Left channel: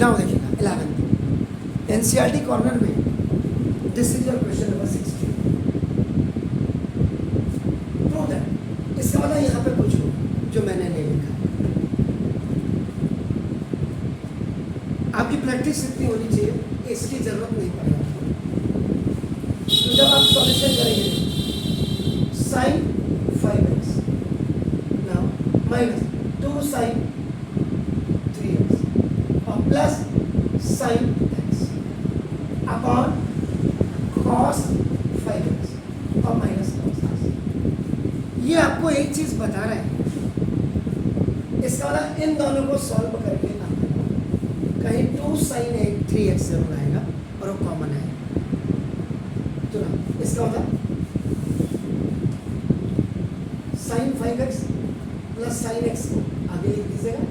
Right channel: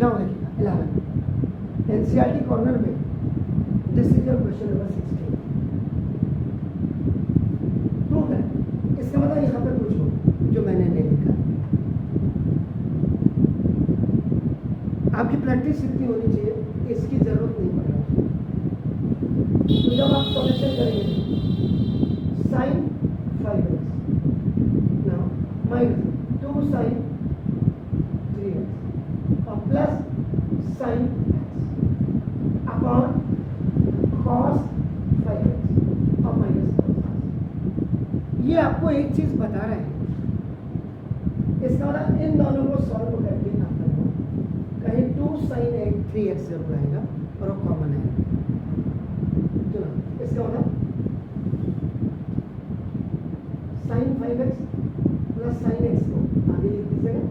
Now देखिएगा 11 NCERT corner में this is your question number 16। Prove that, इसका मतलब यहाँ पे कुछ हो जो मैंने नहीं लिखा है। आपकी प्रैक्टिस इतनी होनी चाहिए कि इसकी जरूरत नहीं पड़ रही। तो जब आप सॉल्यूशन करेंगे sign 5x now minus 2 sine 3x और plus sign x upon cos 5x और माइनस cos x। ये आपको एक चीज बता रहे हैं, इसका मतलब इन दोनों को सॉल्व करके आपको कहीं 2 साइन 3x जरूर आएगा और वो कॉमन है। तो ना इसका मतलब sign 5x plus sign x को आगे लिख दीजिएगा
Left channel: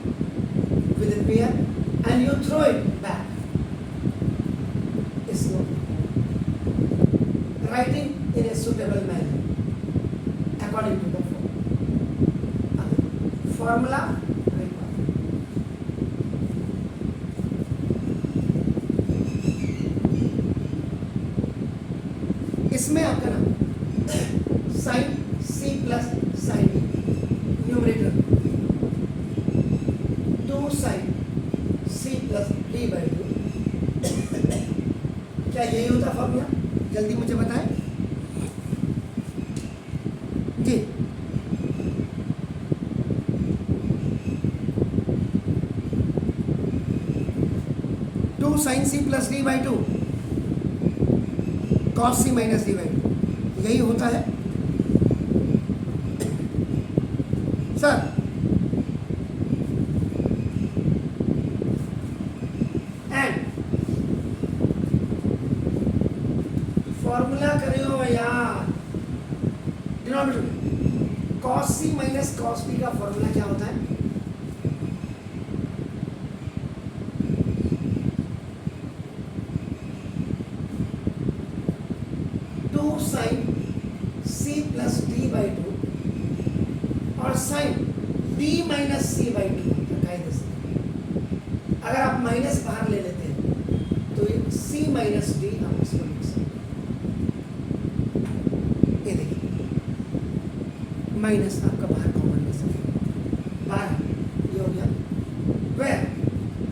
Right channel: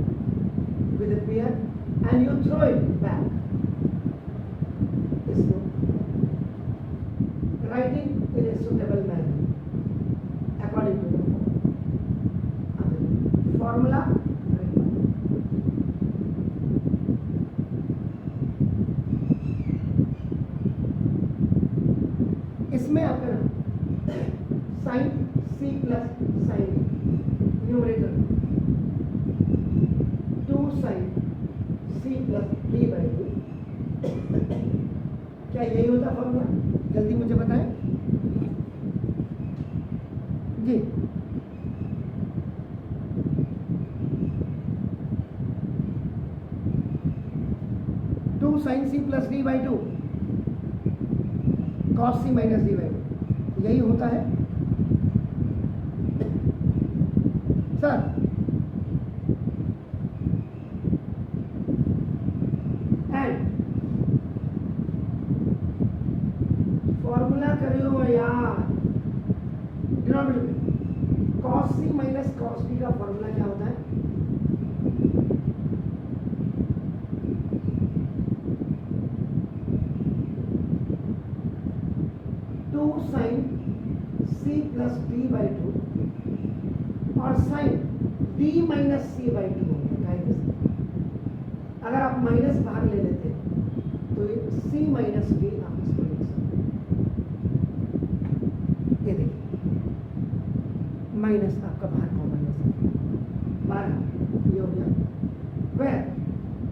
with the pair and you throw it back. इसको writing in a suitable manner according to the formula. इसमें आपका नाम sine c plus sine d numerator 2 sine c plus d by 2। क्या यही होता फॉर्मूला? जल्दी मुझे बताएं जी। Two sine c plus d by 2 cos c minus d by 2 यही होता है सर। एंड फॉर्मूला करियो यार, डिनोमिनेटर में cos c minus cos b का फॉर्मूला क्या होता है? Sine c plus d by 2 और sine d minus c by 2 कायदे से। अगर आप माइनस बाहर ले लेते हैं तो ये c माइनस डी आप इसको लिख सकते हैं। ये देखिए माइनस आपका बाहर कॉमन ले सकते बाहर, ये हो गया। वेयर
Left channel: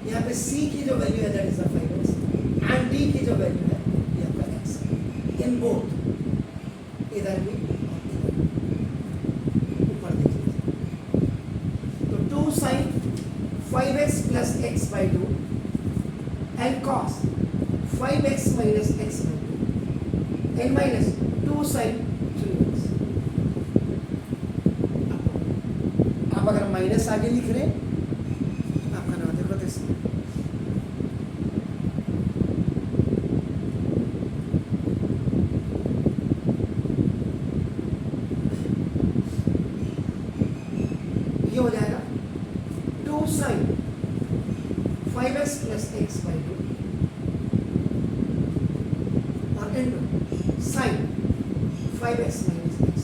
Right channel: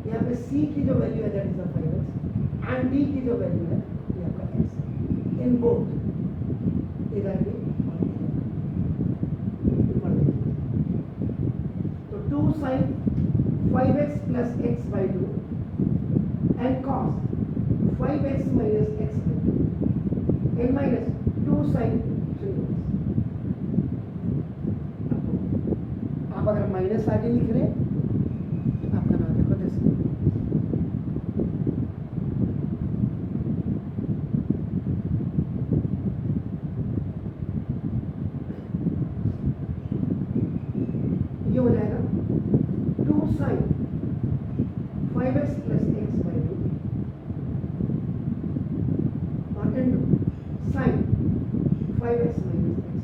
यहाँ पे c की जो वैल्यू है that is the 5x and d की जो वैल्यू है ये आपका x है। इन बोथ इधर भी ऊपर देखिए तो 2 sine 5x plus x by 2 and cos 5x minus x by 2 and minus 2 sine 3x। आप अगर माइनस आगे लिख रहे तो आपका नाम देखो तो इसमें ये हो जाएगा 2 sine 5x plus x by 2 और into sine 5x minus x।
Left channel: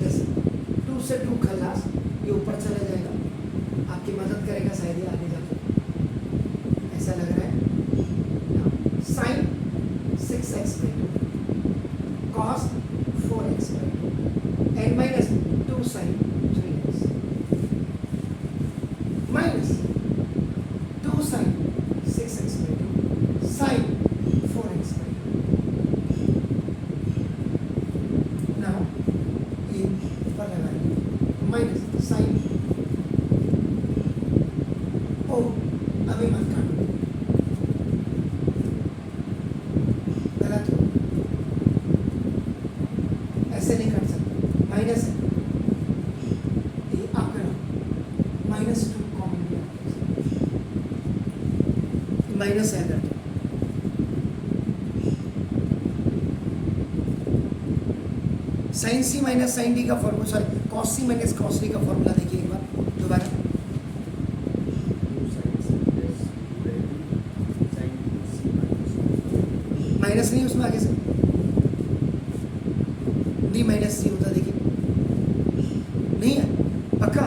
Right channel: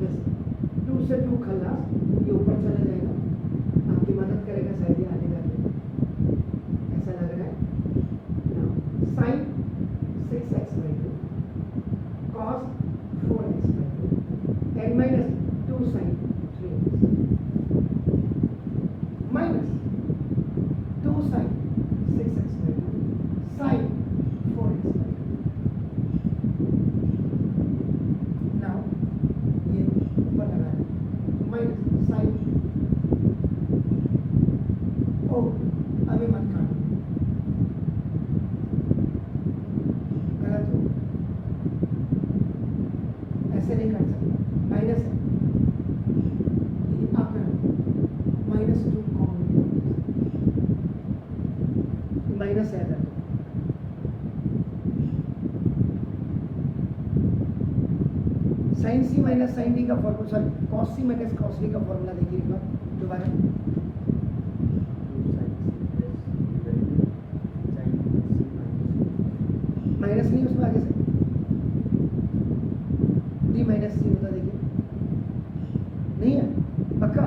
जैसे 2 से 2 खल्लास ये ऊपर चला जाएगा, आपकी मदद करेगा शायद ये आगे जाके, ऐसा लग रहा है। Sine 6x by 2 cos 4x by 2 and minus 2 sin 3x minus 2 sin 6x by 2 sin 4x by 2। now ये ऊपर लगा माइनस साइन ओ अभी मत काटो, गलत हो, ऐसे नहीं काट सकते। माइनस है आपका माइनस 2 कॉमन माइनस है अगर साइन सी माइनस साइन डी का फॉर्मूला, सॉरी कॉस सी माइनस कॉस डी का फॉर्मूला देखिए एक बार दोबारा। माइनस नहीं उसमें आगे से डी माइनस सी होता देखिए, नहीं है पक्का।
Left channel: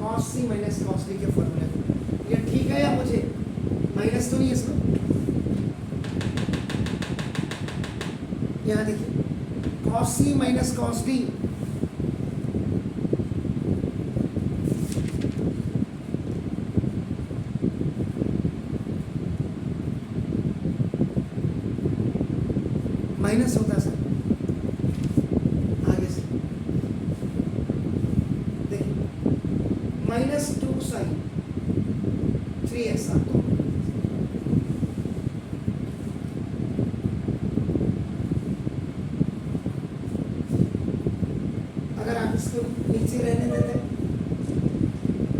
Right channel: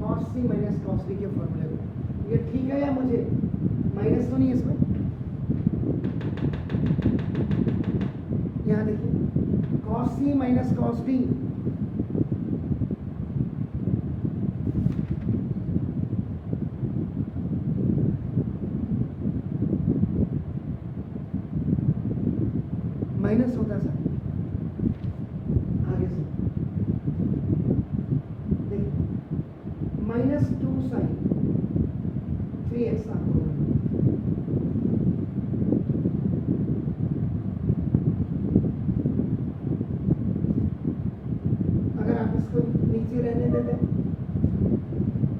कॉस सी माइनस कॉस डी के फॉर्मूले को। ये ठीक है या मुझे माइनस तो नहीं है इसमें? यहाँ देखिए कॉस सी माइनस कॉस डी माइनस होता सर आगे से देखिए -2 साइन 3x आपको अगर आप इसको नीचे रहने देते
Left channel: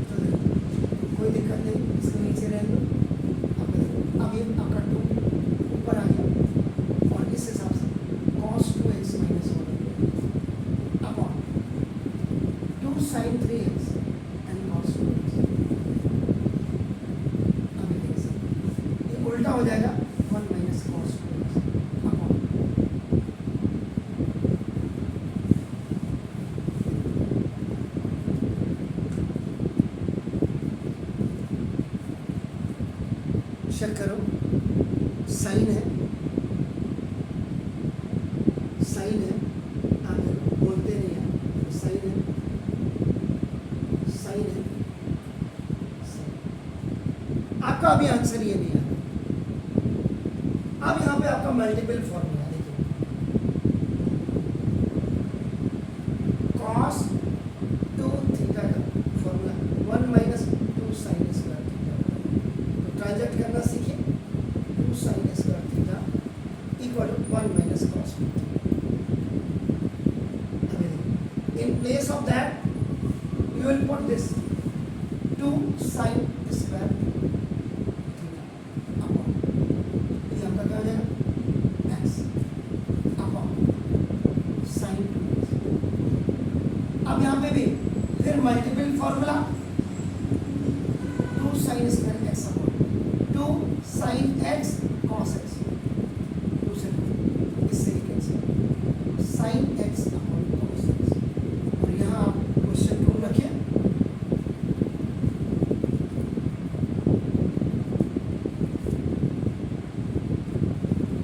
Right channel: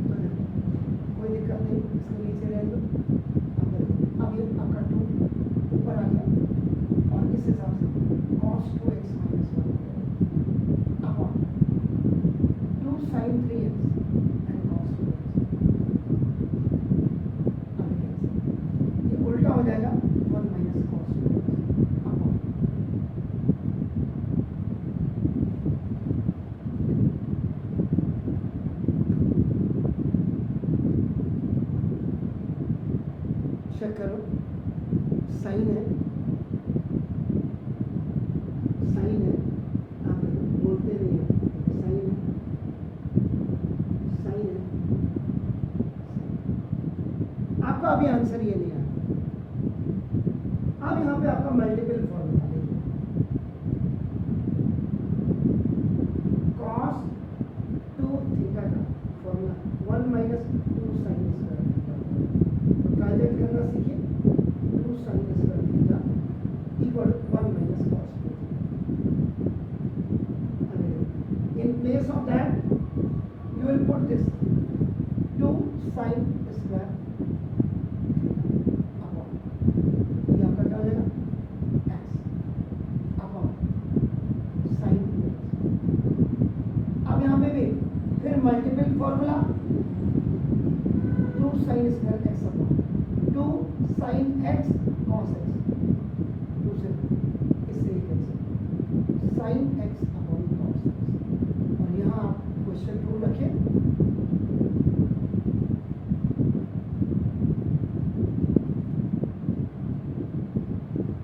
तो कोई दिक्कत नहीं, इसको नीचे रहने दो। अब ये आपका 2 ऊपर आ गया और इस हिसाब से cos 2x माइनस हो गया upon 2 sin 3x and cos 2x। अभी देख सकते ये उल्टा हो जाएगा 1 minus cos 2x upon check करो साइन है आप बोलते नहीं हैं साइन है आपका अभी आंसर ये नहीं आता। अब यहाँ पे आपका मल्टीपल फॉर्मूला देखिए cos 2 थीटा का formula 1 minus 2 sine square theta. तो ट्रांजेक्ट करना सीखिए 2 sine square theta equal 1 minus cos 2 theta. In place of that, you will put this 2 sin square upon ये आपका क्या हो जाएगा x upon sin 2x। अब यहाँ पे भी फिर multiple formula 2 sin square x upon 2 sin x cos x दूसरे इससे एक x sin x upon cos x। और यहाँ आप क्वेश्चन को रखिए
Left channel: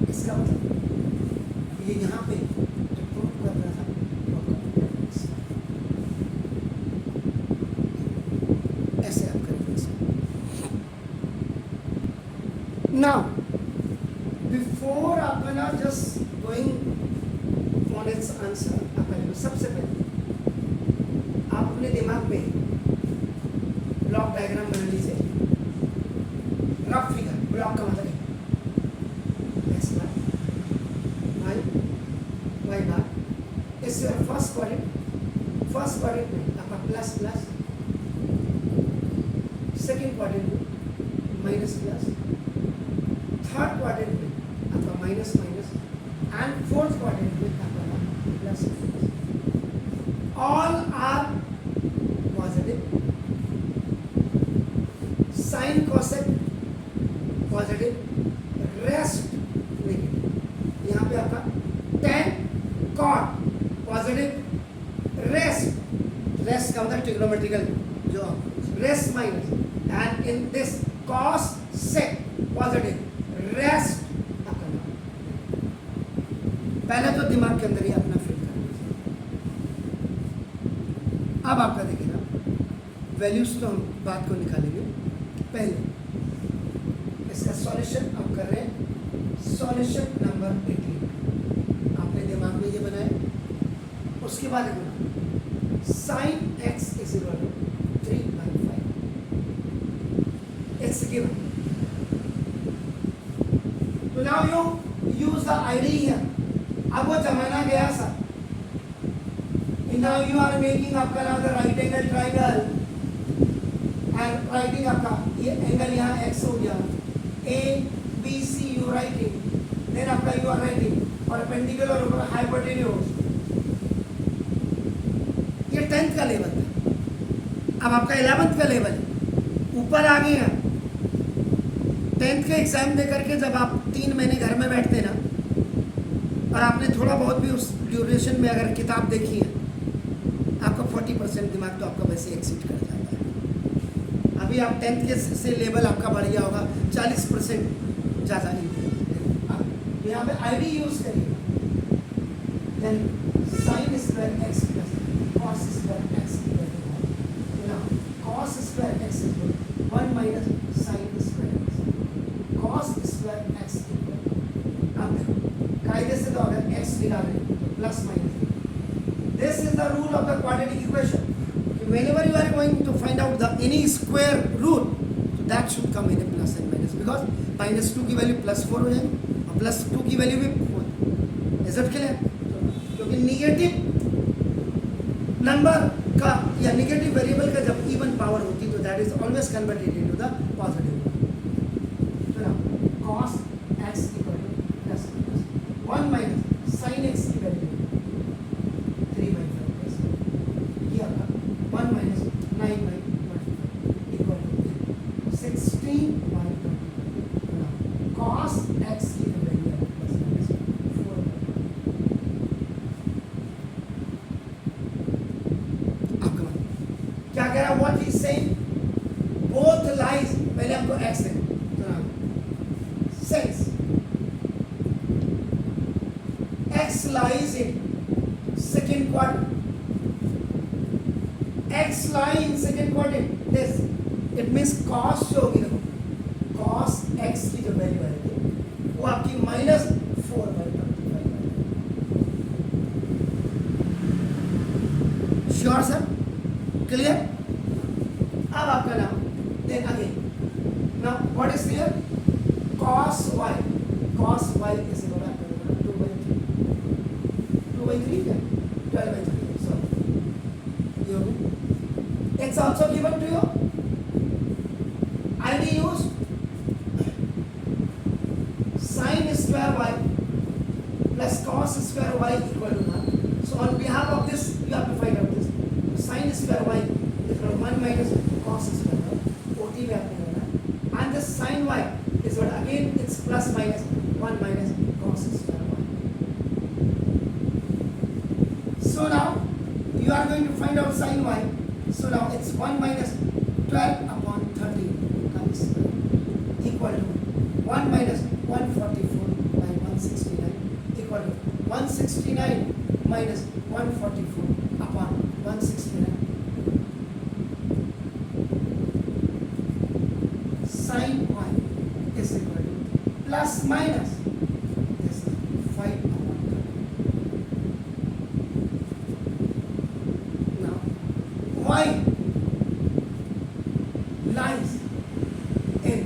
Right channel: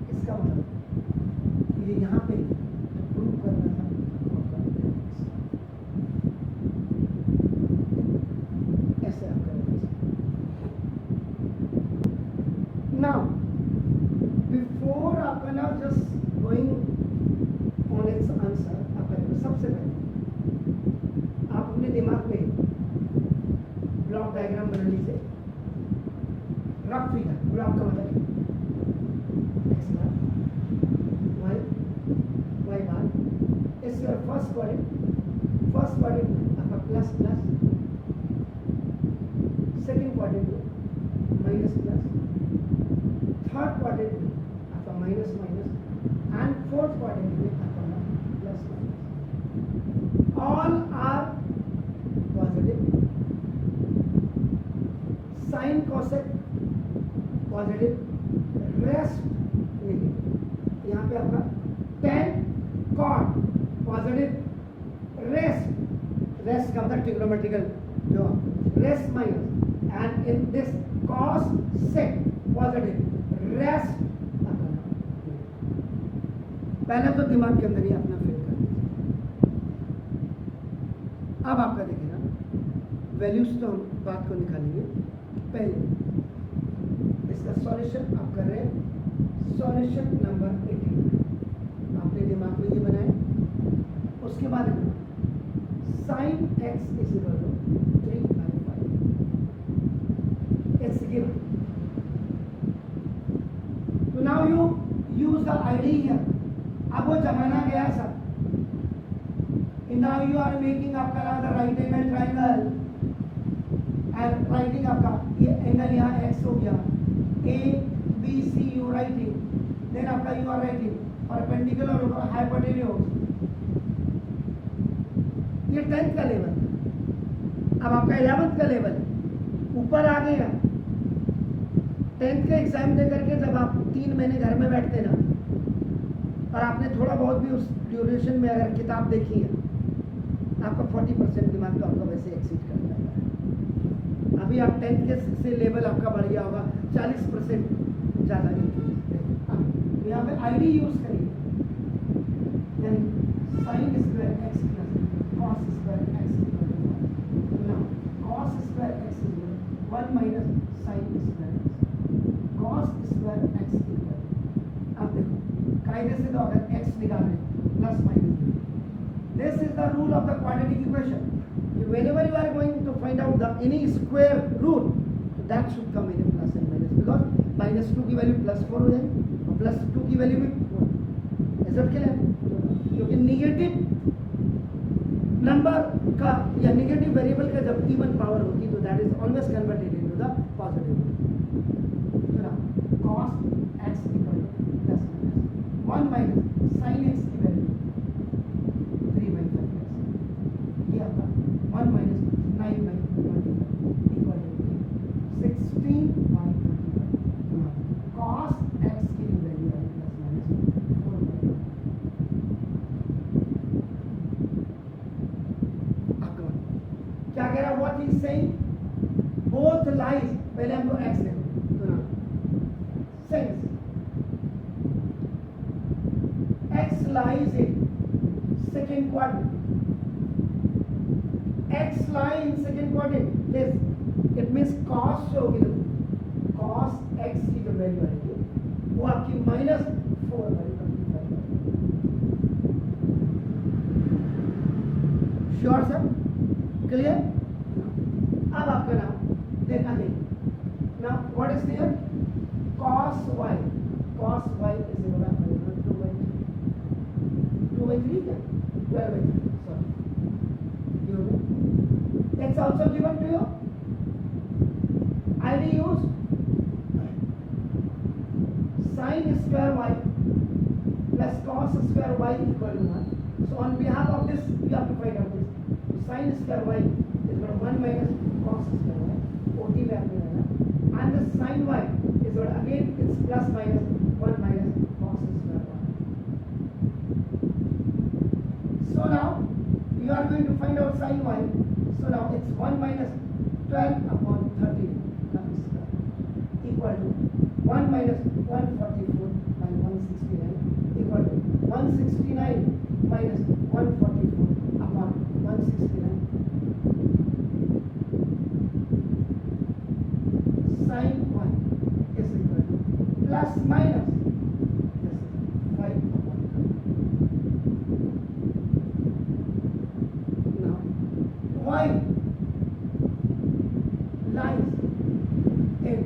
इसका मतलब ये यहाँ पे जो प्रूव कर रहा था वो आपका ऐसे आप करेंगे। नाउ बिफोर आपका ना just going on it's answer आप करेंगे सबसे पहले आप अपने दिमाग में ब्लॉक डायग्राम बना लीजिए। रफ फिगर ब्लॉक का मतलब एक्स बार वाई बार इस योर फर्स्ट क्वाड्रेंट में आपका प्लस प्लस, सेकेंड क्वाड्रेंट में माइनस प्लस, थर्ड क्वाड्रेंट में आपका minus minus and fourth quadrant में आपका plus minus. All are positive. Sin cosec positive, rest negative। यहाँ पे आपका tan cot positive, rest का मतलब ट्रिग्नोमेट्रिकल जो rest minus and in this cos sec positive, rest आपका नाम। पहले तो दिमाग के अंदर ही अपना फिल कर। अब आपका देखिए ना वैल्यूज तो हम बात को निकालेंगे। पहले इसका सॉल्यूशन आप कर रहे हैं सॉल्यूशन नंबर 18 आपने दिमाग में ये बनाए। उसके बाद sine x is equal to 3/5 x given. तो now you use the idea. अब वो जमाना गया sir. Now you are making आपका ना right angle triangle and writing आपका ये एंगल यहाँ x हो गया ABC यू राइटिंग देन आपका यू आर राइटिंग परपेंडिकुलर और हाइपोटेन्यूज। ये 10th का लेवल है। अब आपका 11th का लेवल है, ऊपर आ गए हैं। 10th के एग्जाम दे करके जब आप 3 महीने घर में बैठते ना और आपने थोड़ा बहुत भी उस ड्यूरेशन में अगर किताब देखी है आपको 40% दिमाग तो आपका वैसे एक्सिट कर जाता है। अभी आप 10th के से लेवल आपका बढ़ गया होगा, 40% ज़्यादा नहीं। अब यहाँ पे आई डी यूज़ करिए, यानी sine square x plus cos square x equal to now cos square x equal 1 minus sine square x, cos square x equal. अब देखो कायदे से तो अगर एक्स निकाल रहे तो plus minus, this is the rule of the quadratic equation. Whenever you are going to find out the any square root, so that should come in a plus and minus, because minus 2 की value plus 4 हो जाएगी और plus 2 की value भी 4। Is it clear? क्योंकि negative number का या negative variable का जब इवन पावर होती तो that is always converted into the positive. तो ना cos x equal to plus 1 minus sin x की वैल्यू 3/5 ये आपका 1 minus 9/25 equal to 16/25। cos x की जो वैल्यू है प्लस माइनस 4/25। आपका क्या कह रहा है? What is saying both lies, पहले हमको x दें तो ना since x lies in second quadrant, x lie in second quadrant, this it means cos जो होगी देखो cos x की जो वैल्यू आएगी वो आपकी -4/25। Sure sir? क्लियर? अब आपका नाम then again now what is clear? cos y is equal to 2/3 क्या 12/3 sorry you know it's also given to you ID use sin square y plus cos square y equal to now, so on behalf of this you have to find out this sin square y is equal to 1 minus cos square y, OT में आपने करना है, and this sin y is what again it's plus minus 1 minus cos square y. So now you are going to find out sin y. So now it's 1 minus 12 upon 30 comes equal to 1 minus 144 by 169 equal to 169 minus 144 upon 169. Sin y is equal to plus minus this is 5 upon 30. Now y lies in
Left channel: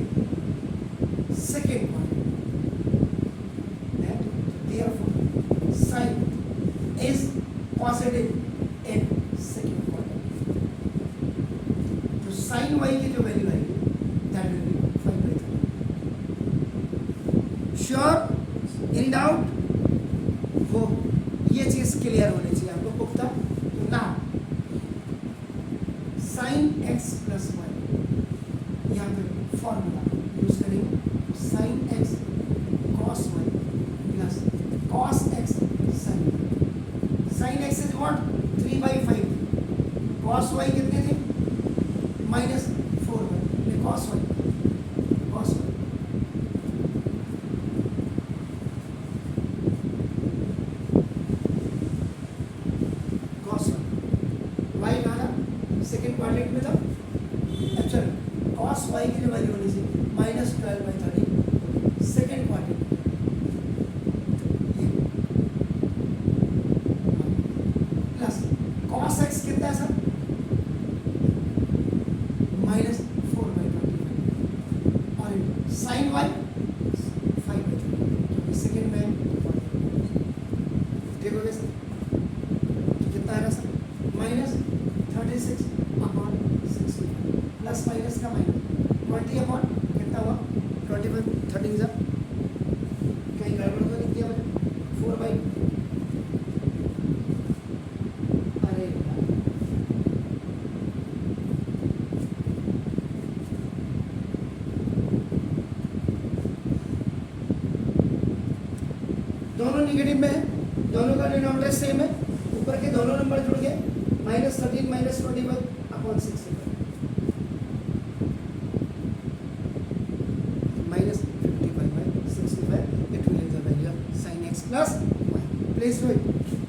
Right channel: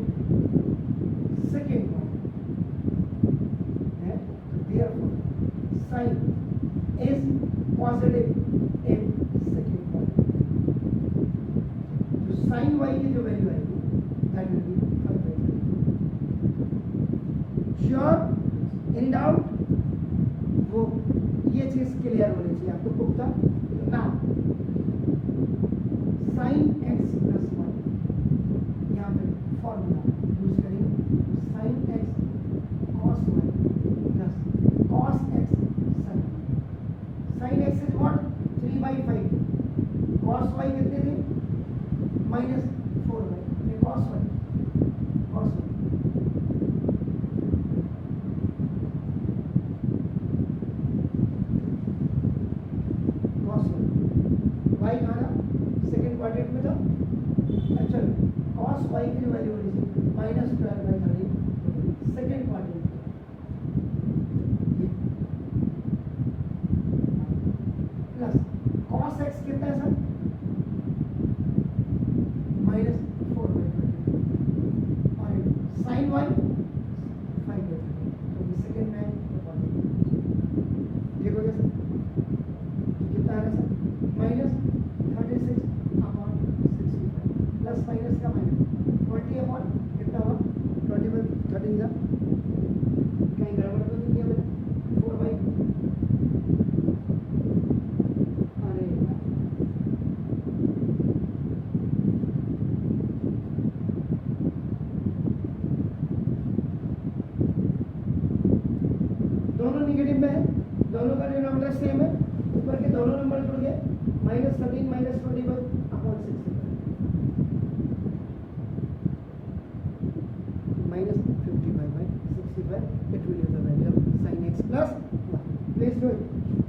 second one, and therefore sin is positive in second one. तो sin y की जो value आएगी that will be 5/3. Sure? In doubt? वो ये चीज clear होनी चाहिए आपको पुख्ता। ना sin x प्लस y यहाँ पे फॉर्मूला यूज करेंगे, sin x cos y plus cos x sin y। sin x is what 3/5, cos y कितने थे -4 cos y cos y cos y y कहाँ सेकेंड क्वाड्रेंट में था, एक्चुअल cos y की जो वैल्यू होनी चाहिए -12/30 second quadrant plus cos x कितना है सर -4/30 और sin y 5/3 क्योंकि सेकेंड में ठीक हो गया सर। तो कितना है सर -36 अपॉन 60 प्लस माइनस का माइनस 20 अपॉन कितना हुआ 25 13 सर कहीं गड़बड़ तो नहीं किया मैंने 4/, अरे दोनों निगेटिव में है, दोनों का डिनोमिनेटर सेम है, ऊपर के दोनों नंबर जुड़ गए minus 13 minus 21 upon 65 minus 55 by 65, it will give the value of sin x plus y. Please do it.